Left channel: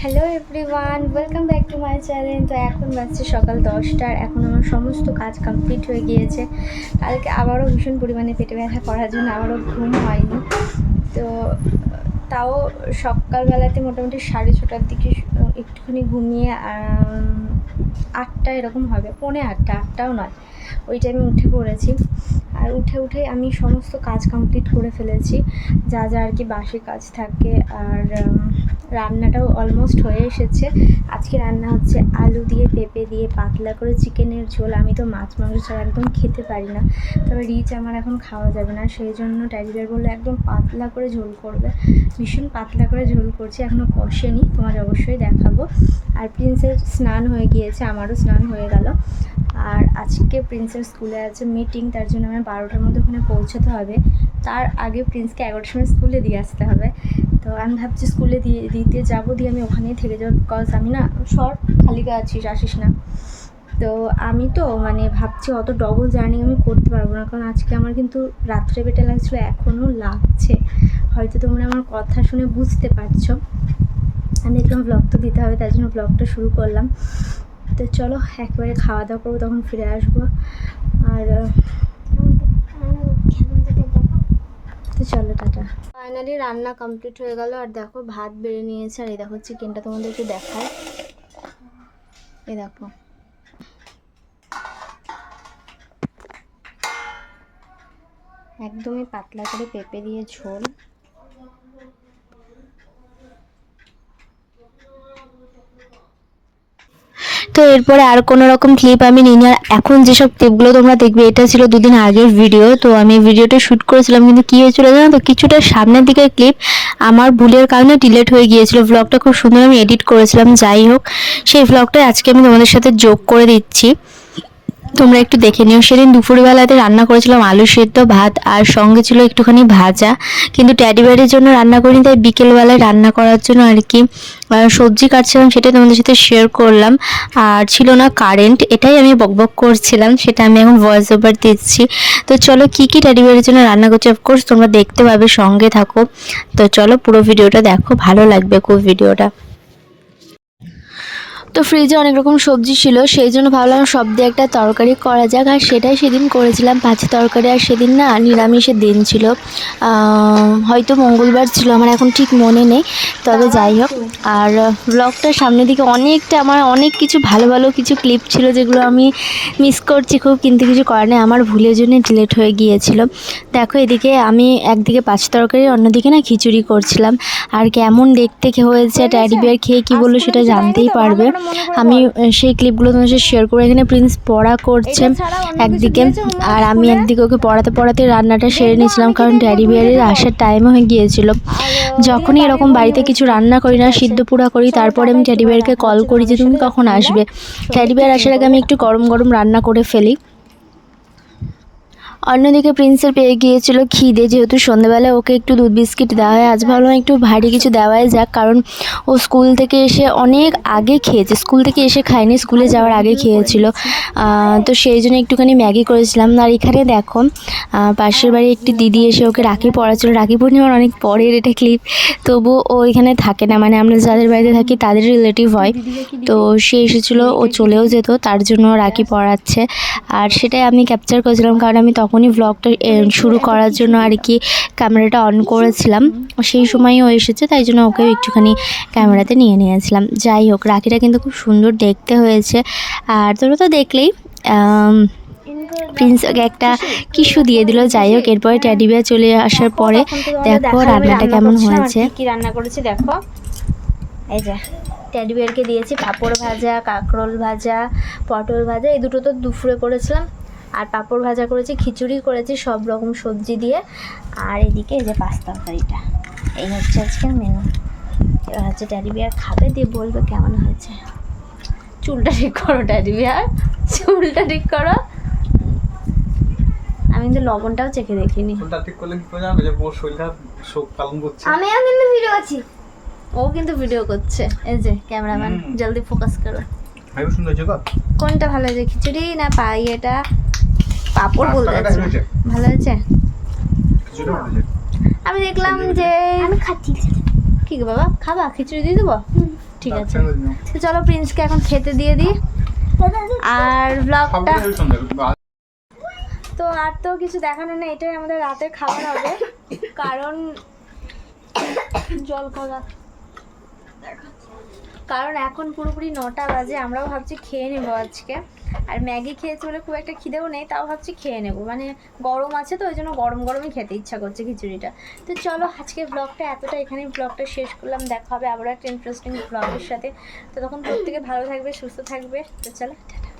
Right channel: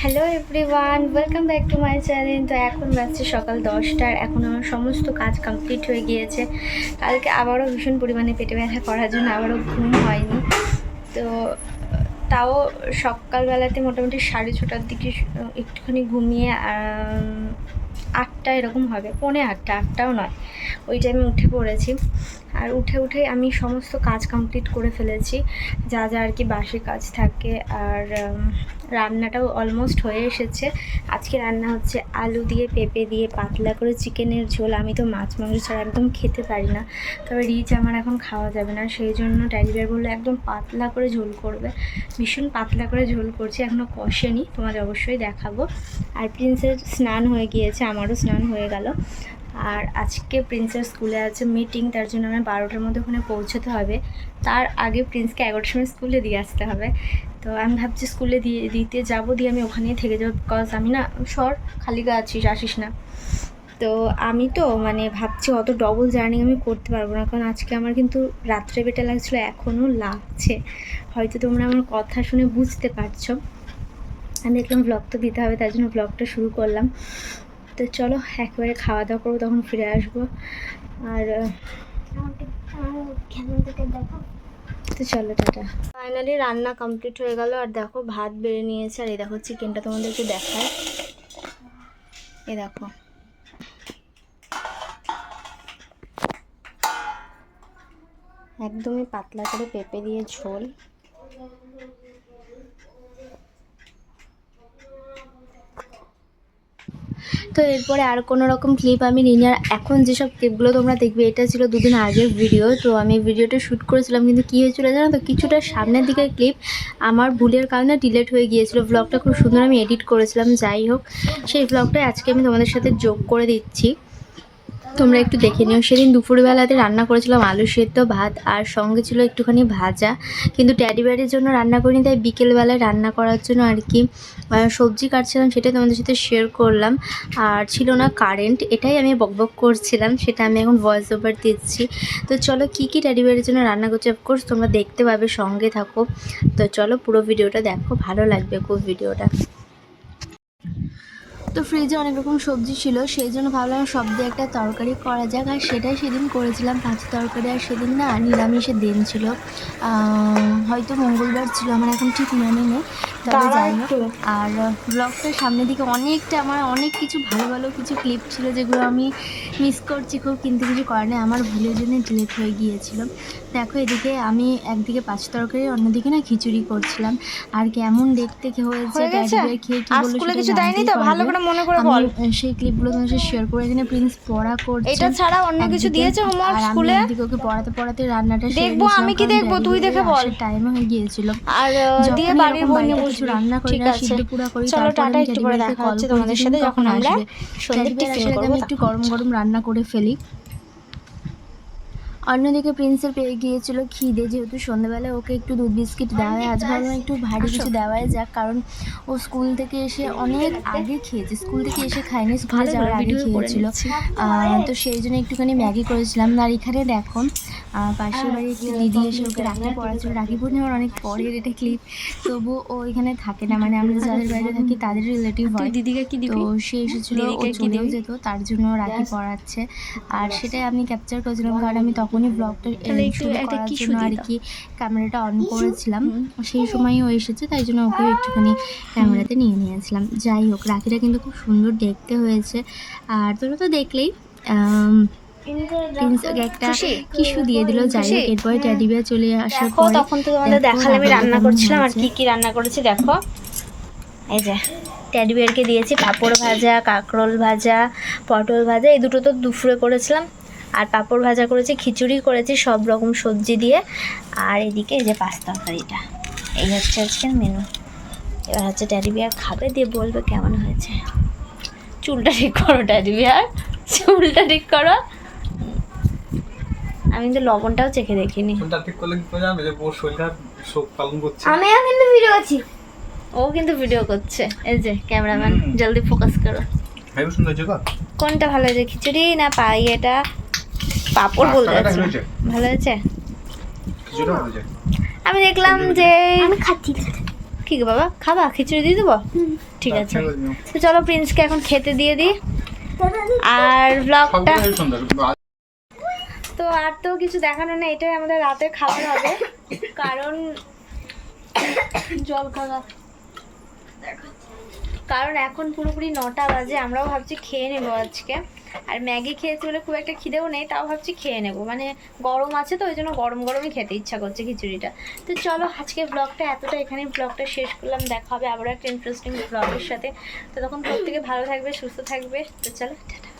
Hello everyone welcome back to my channel তো এখন বাজছে সকাল দশটার এখন আমার সমস্ত কাজ কমপ্লিট হয়ে গিয়েছে। কালকে আবারও ভীষণ পরিমাণে পেটে ব্যথা করার জন্য আবারও ঘুম হয়নি। তো, তাও সকালবেলাতে মোটামুটি সাড়ে ছটার দিকে একটুখানি ঘুমিয়ে আটটা এরকম হবে, পৌনে আটটা, আটটাও নয়। ওই টাইমে উঠে পড়েছি। আর উঠে উঠে আমি সমস্ত কাজ কমপ্লিট করে ফেলেছি। যা যা আর কি বাসি কাজ থাকে। আর রান্নাটাও অলমোস্ট হয়ে এসেছে। আজকে রান্না হচ্ছে আলু দিয়ে পেঁপে দিয়ে পাতলা করে চিকেনের ঝোল। আমি তো মাছ, মাংস ছাড়া একদম খেতে পারি না। তবে রিচ আমার এখন খাওয়া যাবে না। সেই জন্য ড্যাডিবার বলল, একদম পাতলা করে ঝোল করবে। ভীষণ পাতলা করে ঝোল করছি। এখনও কষেনি। তোমাদের অবশ্যই দেখাবো। আর প্রিন্সের স্নান হয়ে গিয়েছে, আমারও স্নান হয়ে গেল। আর আজকে প্রিন্সের স্কুলে আছে মিটিং তার জন্য আমার বারোটার মধ্যে ওখানে পৌঁছতে হবে। তার আগে প্রিন্সকে এগারোটার সময় স্কুলে দিয়ে আসতে হবে। তো আমি ভাবছি স্কুলে দিয়ে, দিতে যাব, দিয়ে আমি ওখানেই থেকে যাব বিকজ আমি না সর খালি গা আছিস, আসিস না। তো আমি তো মানে ভাবছি অত ডবল জার্নি আমি করতে পারব না, কারণ আজকে আমার কিন্তু রাত্রে বেটা লাগছিল, এখনও লাগছে। হয়তো তোমরা আমার কথা শুনে বুঝতে পারছ। আমি দেখলাম ব্লগ তো দিতে হবে, তার জন্য ব্লগটা শুরু করলাম। তো চলো, একবারে খাওয়া দাওয়া করব, তখন ফিরে আসব। আর তো চলো, টাটা। ফাইনালি রান্না কমপ্লিট হয়ে গেল, আর দেখো ভাত বেড়ে নিয়েছে, আর এই দেখো চিকেনটা তোমাদেরকে দেখায়। এ দেখো। একদমই পাতলা করে পেঁপে দিয়ে ঝোল। তো এরপরে আর কোনো রকম ক্লিপ আমি নিই না এখন যেসব ক্লিপগুলো তোমরা দেখবে, এটা ছিল দুদিন আগের ভিডিও তো আমি ভিডিওটা শ্যুট করেছিলাম, কিন্তু কী হয়েছিল জানো তো? কিছুটা সামনের দিকের ক্লিপ আমার ভুলের কারণে ডিলেট হয়ে গিয়েছিল। ব্লগটা খুব সুন্দর আমি এডিট করেছিলাম, যাই হোক। সেই ব্লগটা আজকে আমি তোমাদের সাথে যোগ করে দিচ্ছি। তোমরা একটু দেখে নিও। সেদিন দুপুরবেলাতে রান্না করেছিলাম আলু সেদ্ধ ভাত আর সঙ্গে ছিল একটুখানি ভাজা। কিন্তু ট্যাডি বেয়ারের জন্য রান্না করিনি, তাই বিকেলবেলায় রান্না করার জন্য আর কি সবজি কাটছিলাম সেটা তোমাদের সাথে শেয়ার করলাম। আর ছিল না কারেন্ট এটাই আমি বকবক করছিলাম, সেটা আমি এখন ভয়েস ওভার দিচ্ছি। তো চলো কী কী ট্যাডি বেয়ারের জন্য রান্না করছি অফকোর্স তোমরা দেখতে পাবে, সঙ্গে থাকো। তো চলো পুরো ভিডিওটা দেখো, ভালো লাগবে খুব ভিডিওটা তো ফ্রিজে অনেক রকম সবজি ছিল সেই জন্য ভাবলাম সব দিয়ে একটা তরকারি করা যাক। আর সেটাই সেদিন করেছিলাম পাঁচি তরকারি। আর সেদিন না নিরামিষের দিন ছিল। হয়তো মঙ্গলবার ছিল আমার এখন ঠিক মনে নেই। তবে যাই হোক আর ব্লগটার সামনের দিকে অনেকটা আমার অনেক কিছু ভালো ভালো কিছু ক্লিপ ছিল যেগুলো আমি মিস করছি খুব কিন্তু কিছু করার নেই। আমার ভুলের জন্য ডিলেট হয়ে গিয়েছিল। দেখো এদিকে আমি একদিকে পাঁচ তরকারি অন্যদিকে না খিচুড়ি করছিলাম। আর কেমন দেখতে হয়েছে হয়ে ট্যাডি বিয়ার খেয়ে কী বলল সেটা জানতেই? পারবে। আমি সেই ক্লিপগুলো তোমার সাথে শেয়ার করে এখানে প্রিন্স পড়া করছে একদিকে আর আমি একদিকে ওকে পড়াতে পড়াতে রান্নাটা সেরে নিয়েছিলাম কারণ? ড্যাডি বিয়ারের আসার টাইম হয়ে গিয়েছিল। যখনই এরকম বাড়িতে কিছু রান্না করি না সিদ্ধ পুরা করি তারপরে আমি ড্যাডি বিয়ারকে কল করি যে তুমি কখন আসবে? ড্যাডি বিয়ার আসার আগে আমি একটু গরম গরম রান্না করে ফেলি। অন্যদিকে প্রিন্সের পেয়ে গিয়েছিল খিদে, যেহেতু সন্ধ্যেবেলা ওকে একটু দুধ বিস্কিট দেওয়া হয়। আজ ভাবলাম একটু ভারী কিছু দেওয়াই যাক, কারণ ও স্কুল থেকে এসে অনেক আগে খেয়েছে। স্কুল থেকে এসে খায়নি, স্কুলে যাওয়ার আগে খেয়েছিল। তো সেই জন্য একটুখানি ম্যাগি করেছিলাম। আর এখানে দেখো পাশের বাড়ি একটি দিদি এসে ওকে রাখি পড়াচ্ছিল। রাখি পূর্ণিমার অনেক পরের এটা ক্লিপ তবু ও এখানে থাকে না মানে আমরা যাদের বাড়িতে থাকি তাদের রিলেটিভ হয়। তো সে এসেছিল, ও চলেও যেত, তার জন্য রাখি পড়াচ্ছে। আর সেটাই আমি ক্যাপচার করেছিলাম, কারণ আমি তখনই ব্লগটা শুরু করার জন্য আর কি ক্যামেরাটা অন করেছিলাম। সেই সময়ই ও এসেছে তাই জন্য ওকে একটুখানি ক্যামেরাতে নিয়ে নিয়েছিলাম। যাই হোক রাখিটা কিন্তু খুব সুন্দর দেখতে হয়েছে। আর তোরা তো দেখলেই আম, প্রিন্স ওকে একটা কিস্যু দিয়ে দিল। যাই হোক এরপরে ট্যাডি বিয়ার চলে আসার পরে দেখো রান্নাটা রান্না কেমন করছিলাম হয়েছে। কি কি রান্না করেছি দেখো। এই যে ট্যাডি বিয়ারকে দিয়েছি পাঁপড় ভাজা কাঁকরোল ভাজা পটল ভাজা এই দুটো তো দুপুরে করেছিলাম। আর পাঁপড় ভাজা করেছি খিচুড়ি করেছি সব রকম সবজি দিয়ে। আর এদিকে এই যে পাস্তা তরকারিটা। এই হচ্ছে আজকের মেনু এবার হচ্ছে ট্যাডি বিয়ার খাবে দিয়ে বলবে কেমন হয়েছে। চুলটা ঠিক করো ট্যাডি বিয়ার চুলটা ঠিক করো। আমি কিন্তু লবণটাও চেখে দেখিনি। কোনটা ঠিক করলে কি করে জানবে যে ওর শরীর খারাপ শোক পালন করছে? আমিও কিন্তু ভিডিও আছি ও কিন্তু ভিডিও করছে। এই যে ক্যামেরাম্যান জলদি ফোকাস করো। ভাই সুন্দর কোনটা ভালো হয়েছে? খিচুড়ি না পাই এটা পাপড় বলতে যাচ্ছি ভালো হয়েছে? হয়েছে। আমি দেখলাম যে আমি খাচ্ছি। কি গো বাবা? খাবা? খিচুড়ি দিয়ে দেবো? ঠিক আছে। তো চলো প্রিন্সকে এখন খেতে দিয়ে দিই। আর ব্লগটা তো আর তো কিছু দেখানো নেই। এটাই আমাদের রাতের খাবার হবে। কারণ জল খাওয়া কারণ এখন পুরোপুরি নটা বাজে, আমরাও ভাবছি খেয়ে নেব আজকে। আর ম্যাগি খেয়েছি বলে খুব একটা খিদেও নেই, তাও ভাবছি খেয়ে নেব। মানে গরম আছে তো, ওই জন্য গরম গরমই খেতে ইচ্ছা করছে খিচুড়িটা। তো চলো, আজকে ব্লগটা এতটা এখানে ব্লগটা শেষ করলাম, দেখা হবে আবার একটা ইন্টারেস্টিং ব্লগের সাথে। তো তখন প্রত্যেকে ভালো থাকবে, সুস্থ থাকবে। তো চলো, টাটা।